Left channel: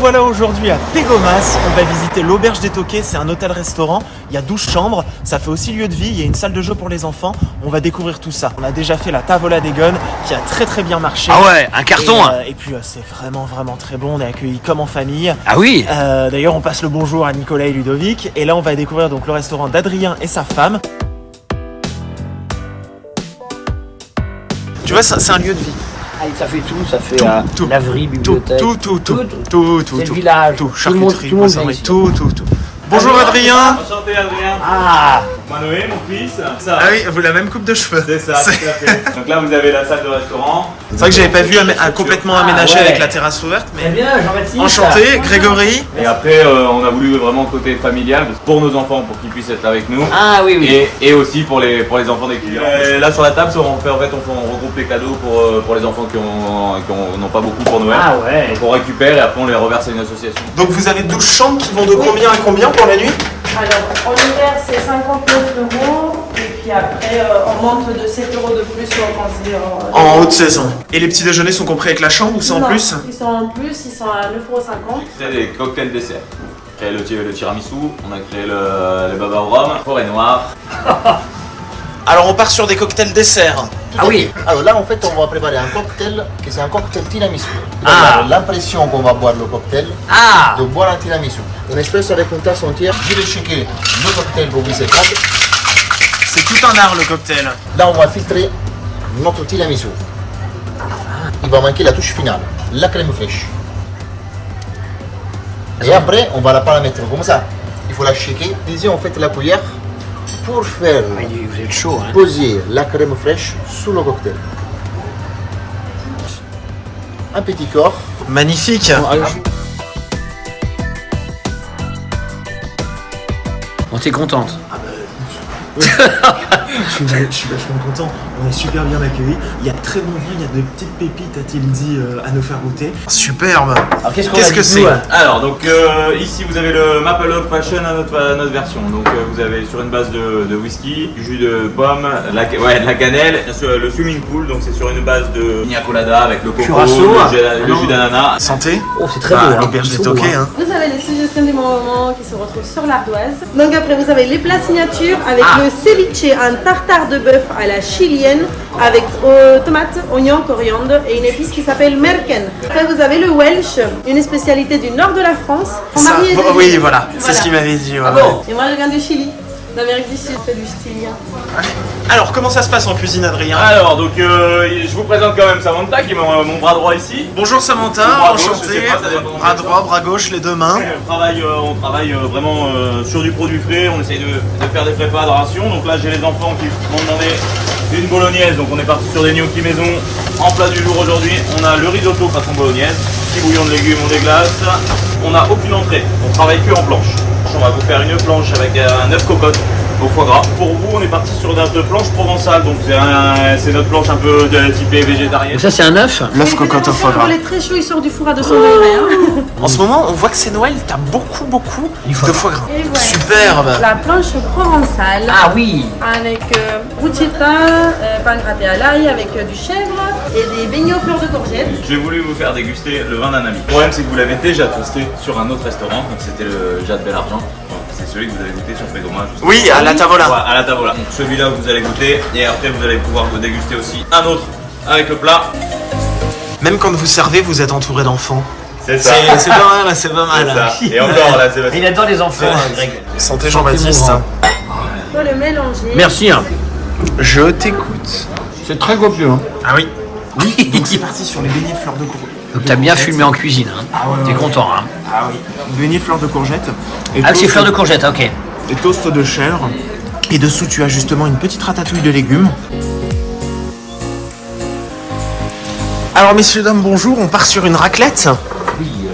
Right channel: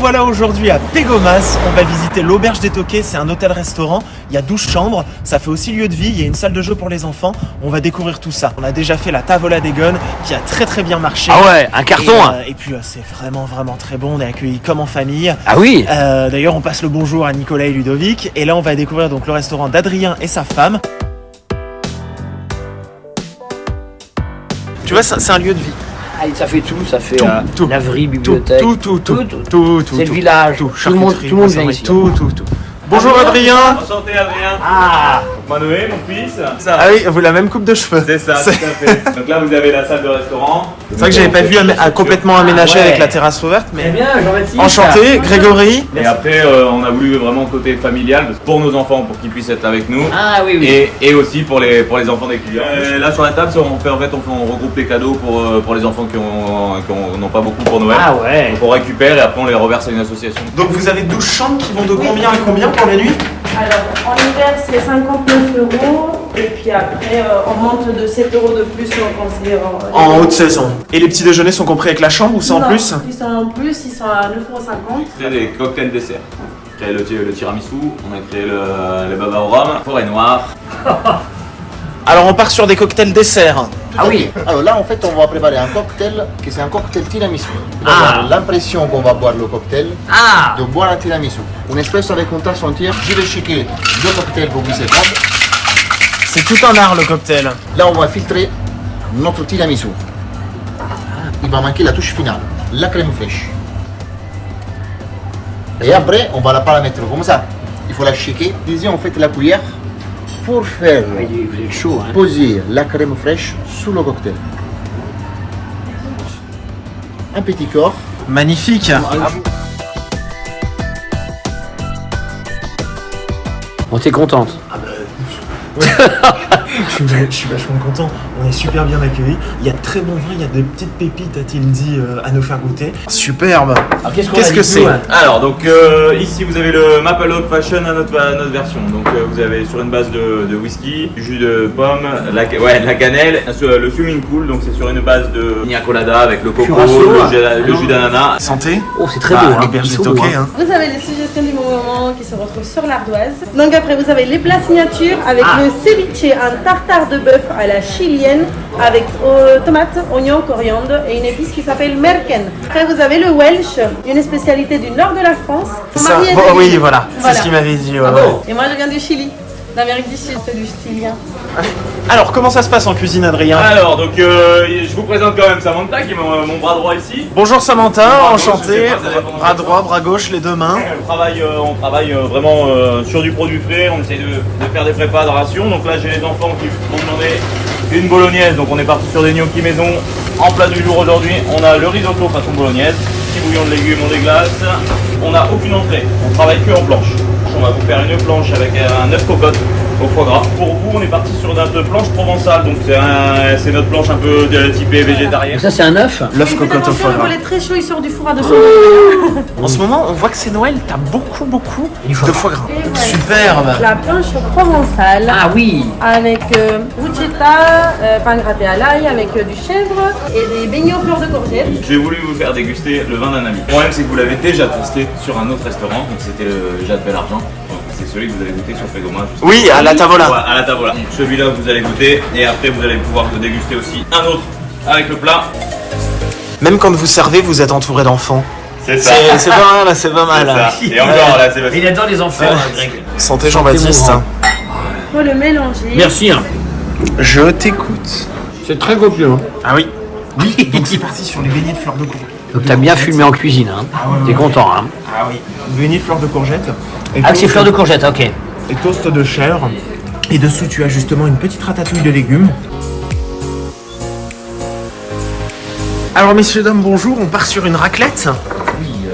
revoilà aujourd'hui à Pégomas. On va visiter l'Auberge des Toquets, c'est un hôtel-restaurant. Il y a 12 chambres, ça fait aussi lieu de vie, il y a une salle de jeu pour les enfants. On va découvrir tout ça. On a déjà fait la Tavola des Gones qui a très bien marché. Ah ouais, un carton. Et puis c'est vraiment très bon, on est accueillis comme en famille. Ah oui. D'ailleurs on passe le bonjour à Nicolas et Ludovic. Et là on va découvrir donc le restaurant d'Adrien et sa femme. Tu vois, c'est un lieu de vie. Ah, ça fait tout, ça fait tout, laverie, bibliothèque, tout. C'est le village, tout le monde vient ici. Tout. Bonjour Adrien. Enchanté Adrien. Ah, Manoé, mon fils. Ça. Ah oui, vous la même coupe de cheveux. C'est ça, tout à fait. Donc là, vous avez la salle de restaurant. C'est vrai que j'avais pas vu complètement aménagé ouais. avec la terrasse ouverte. très Mais bien, Jean-Baptiste. enchanté, Grégory. Et après, on a voulu vraiment le côté familial pour nos enfants, pour qu'ils puissent être avec nous. Ah oui. Et aussi pour les enfants des clients. Là sur la table, on regroupe les cadeaux pour les enfants qui n'ont pas beaucoup pour Noël. Ah ouais. Donc on récupère et après on les reverse à une association. Donc vous avez 12 chambres qui vont de combien à combien pour la nuit? Alors, en hiver, c'est 59 €. Et puis après, on monte de 7 € de plus quand c'est En haute saison. Et les petits déjeuners sont compris avec la chambre ou c'est en Non, plus? Ils sont en plus, ils sont à 9,50 €. C'est les cocktails dessert. On a créé le tiramisu, on a créé le baba au rhum, forêt noire. Alors on part sur des cocktails desserts. Ah oui. Alors là, en fait, on va préparer un cocktail qui c'est un cocktail tiramisu. On va Ah. avoir l'impression qu'on va boire le cocktail, Ah. de boire un tiramisu. Un espresso avec une tasse entière. Je vais shaker le cocktail pour glisser table. C'est tout un art le cocktail. Là, on va filtrer notre tiramisu. Il va manquer la touche finale, la crème fraîche. Et après, on va la paramétrer comme ça. Il faut la shaker. Ici, on fait la cuillère pour faire Vous êtes chaud, hein. poser la crème fraîche sous le cocktail. Un petit corps. Magnifique. On t'est contente. Je suis vachement content, on est super bien accueillis. Il y a de très bons vins, il y a de petites pépites, a-t-il dit, à nous faire goûter. Superbe. Alors, qu'est-ce Qu'est-ce que c'est? Alors donc ici vous avez le Maple Oak Fashion à notre version. Donc vous avez sur une base de whisky, du jus de pomme, de la cannelle, le swimming pool, donc c'est sur une base de pina colada avec le coco, Curaçao, le jus d'ananas. Santé. Oh, c'est très Bah, beau, hein. l'auberge Ils des sont Toquets, beaux, hein. hein. Vous avez les suggestions du moment qui se retrouvent sur l'ardoise. Donc après, vous avez les plats signatures avec le ceviche, un tartare de bœuf à la chilienne avec tomates, oignons, coriandre et une épice qui s'appelle merken. Après, vous avez le Welsh, une spécialité du nord de la France. Mon Ça, mari est de oui, Lille. voilà, c'est ce qu'il m'avait dit. Ouais. Et moi, je viens du Chili, d'Amérique du Sud, c'est du chilien. Alors, comment ça se passe en cuisine, Adrien? Alors donc je vous présente quand même Samantha qui est mon bras droit ici. Bonjour Samantha, Bras gauche, je enchanté. sais pas, ça dépend. Bras droit, bras gauche, les deux mains. On travaille vraiment sur du produit frais, on essaye de faire des prépas de ration. Donc là j'ai les enfants qui m'ont demandé une bolognaise, donc on est parti sur des gnocchis maison. En plat du jour aujourd'hui, on a le risotto façon bolognaise, petit bouillon de légumes, on déglace. On n'a aucune entrée, on travaille que en planche. On va vous faire une planche avec un œuf cocotte au foie gras. Pour vous, on est parti sur notre planche provençale, donc c'est notre planche un peu typée végétarienne. Ça, c'est un œuf. Neuf cocottes au foie gras. Il est très chaud, il sort du four à 200 En ce moment, on voit que c'est Noël, t'as beaucoup de foie gras. Et voilà. Superbe. La planche provençale. Ah oui. Avec bruschetta, pain gratté à l'ail, avec du chèvre et des beignets aux fleurs de courgette. J'ai voulu vous faire déguster le vin d'un ami. Le problème c'est que vous l'avez déjà testé sur un autre restaurant, donc c'était le Jade Bel Argent. C'est celui que vous avez goûté sur Pégomas. Oui, à la Tavola. Ouais, à la Tavola. Donc celui-là vous allez goûter et après vous allez pouvoir déguster aussi un autre avec le plat. Même quand vous servez, vous êtes entouré d'enfants. C'est ça. C'est pas mal, c'est pas mal. Ça. Et encore là, c'est Mais il adore les enfants, Greg. Santé Jean-Baptiste. Santé, Faut le mélanger. Merci, hein. Je t'écoute. C'est très copieux, hein. Ah oui. Oui, donc c'est parti sur les beignets de fleurs de courgette. Donc t'as bien fumé en cuisine, hein. T'es content, hein. Ah oui. Beignets fleurs de courgette. Et Ah, c'est toast- fleur de courgette, ok. Et toast de chèvre. Et dessous, tu as justement une petite ratatouille de légumes. Alors, messieurs, dames, bonjour. On part sur une raclette. Oui,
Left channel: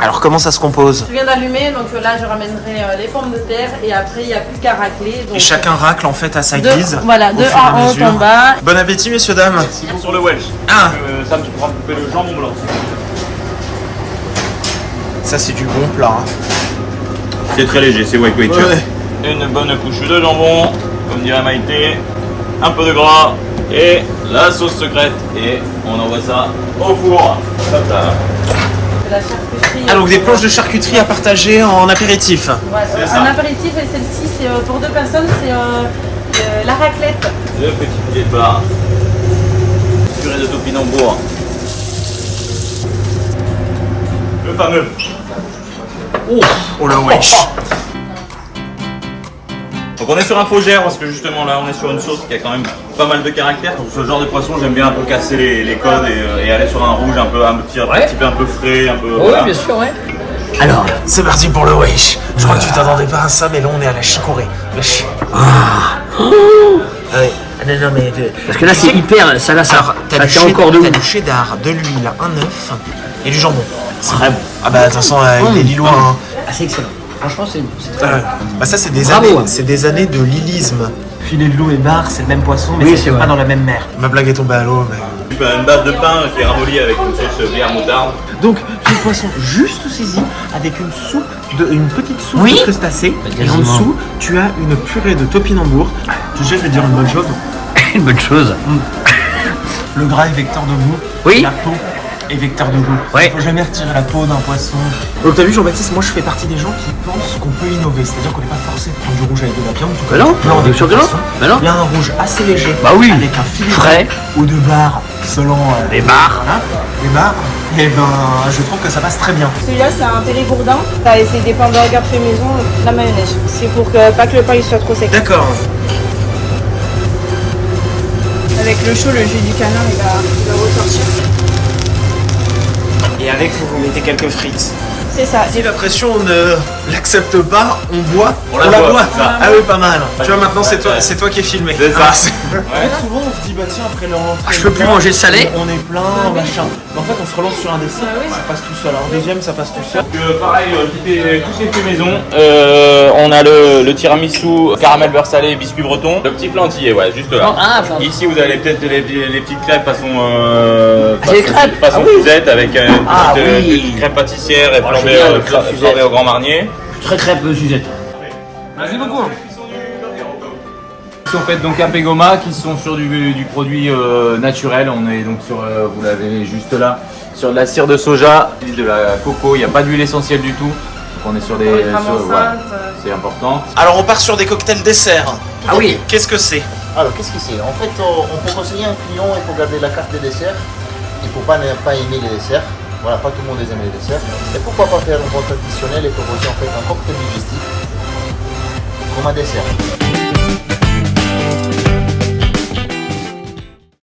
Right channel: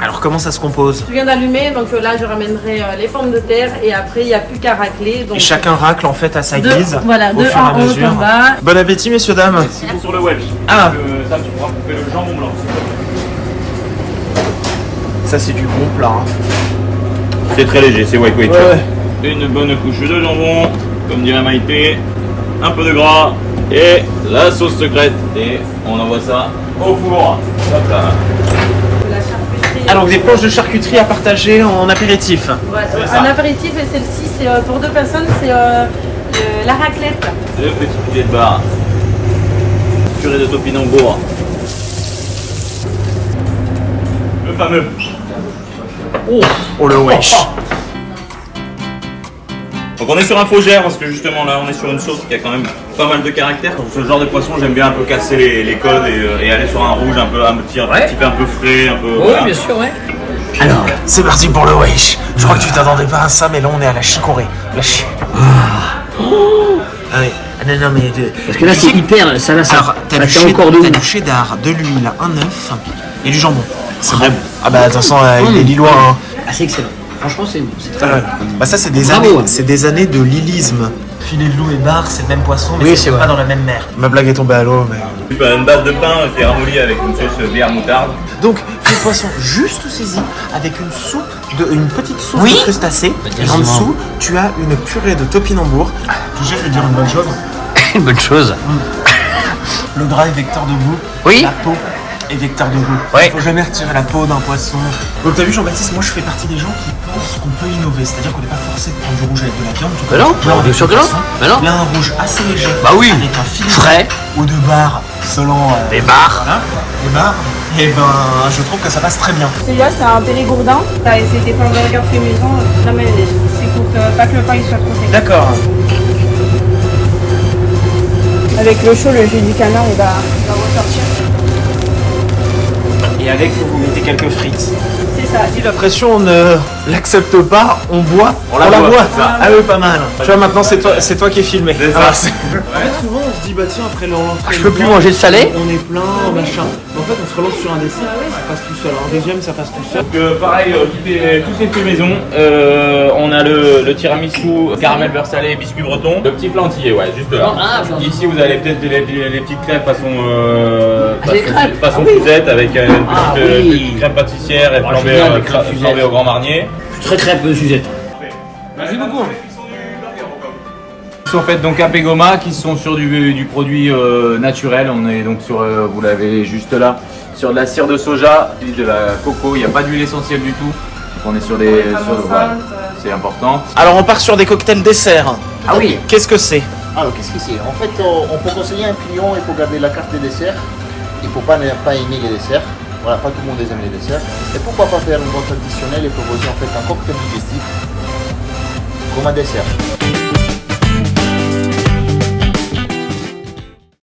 Alors, comment ça se compose? Je viens d'allumer, donc là je ramènerai les pommes de terre et après il n'y a plus qu'à racler. Donc, Et chacun racle en fait à sa de, guise. voilà, au de fur et à en haut mesure. en bas. Bon appétit, messieurs, dames. C'est sur le Welsh. Ah. Sam, tu pourras couper le jambon blanc. Ça, c'est du bon plat. hein. C'est très léger, c'est wake wake. Ouais. Une bonne couche de jambon, comme dirait Maïté, un peu de gras et la sauce secrète. Et on envoie ça au four. Hop là. de la charcuterie. Ah, donc des planches de charcuterie à partager en apéritif. Voilà, C'est ça. un apéritif et celle-ci, c'est pour 2 personnes, c'est la raclette. 2 petits filets de bar. Purée de topinambour. Le fameux. Oh le wesh. Donc on est sur un Faugère parce que justement là on est sur une sauce qui a quand même pas mal de caractère. Pour ce genre de poisson j'aime bien un peu casser les codes et aller sur un rouge un petit peu un peu frais, un peu. Oui, voilà. bien sûr, ouais. Alors, c'est parti pour le wesh. Je crois que tu t'attendais pas à ça, mais là on est à la chicorée. La chi... Ah ouais. Non, mais... Parce que là, c'est hyper. Ça, là, ça. Alors, t'as ça du, tient encore de t'as du cheddar, de l'huile, un œuf et du jambon. Très bon. Ah bah de toute façon, il est lillois. Hein. Ah, c'est excellent. Franchement, c'est très Ouais. bon. Bah ça, c'est des Bravo, années, hein. c'est des années de lilisme. Filet de loup et bar, c'est le même poisson, mais Oui, c'est c'est pas vrai. dans la même mer. Ma blague est tombée à l'eau, mais... Une base de pain qui est ramollie avec une sauce bière moutarde. Donc, le poisson juste saisi avec une petite soupe Oui. de crustacés. Et en quasiment. dessous, tu as une purée de topinambour. Tu sais, je vais dire une bonne chose. Une bonne chose. Le gras est vecteur de goût. Oui. La peau est vecteur de goût. Ouais. Il faut jamais retirer la peau d'un poisson. Donc t'as vu Jean-Baptiste, moi je fais partie des gens qui pensent qu'on peut innover. C'est-à-dire qu'on n'est pas forcé de prendre du rouge avec de la viande. tout Mais comme non, du blanc bien avec sûr du que non. poisson. Mais non. Là un rouge assez léger. Bah oui. Avec un filet Frais. ou de bar selon Les bars. Voilà. Les bars. Et ben je trouve que ça passe très bien. Celui-là, c'est un pérégourdin. C'est des pains burgers fait maison, la mayonnaise. C'est pour pas que le pain il soit trop sec. D'accord. Avec le chaud, le jus du canard, il va ressortir. Et avec, faut vous mettez quelques frites. C'est ça. Si la pression on ne l'accepte pas, on boit, On la boit, c'est ça. Ah oui, pas mal. Tu vois, maintenant c'est toi qui es filmé. C'est ça. Ah, c'est- En fait, souvent on se dit, bah tiens, après l'entrée, je peux plus manger de salé. On est plein, machin. Mais en fait, on se relance sur un dessert, ça passe tout seul. Alors, deuxième, ça passe tout seul. Donc, pareil, tous ces faits maison. On a le tiramisu, caramel beurre salé et biscuit breton. Le petit plantillé, ouais, juste là. Ah, flantier. Ici, vous avez peut-être les petites crêpes façon Des crêpes. façon Ah oui. Suzette avec une Ah petite, oui. petite crêpe pâtissière et Oh, flambée génial, les crêpes Suzette. au Grand Marnier. Très peu Suzette. Merci beaucoup. Ils sont faites donc à Pégoma, qui sont sur du produit naturel. On est donc sur, vous l'avez juste là, sur de la cire de soja, de la coco. Il n'y a pas d'huile essentielle du tout. Donc on est sur des, voilà, c'est important. Alors, on part sur des cocktails desserts. Ah oui. Qu'est-ce que c'est? Alors, qu'est-ce que c'est? En fait, on peut conseiller un client, il faut garder la carte des desserts. Il ne faut pas ne pas aimer les desserts. Voilà, pas tout le monde aime les desserts. Et pourquoi pas faire une boîte traditionnelle et proposer en fait un cocktail digestif comme un dessert.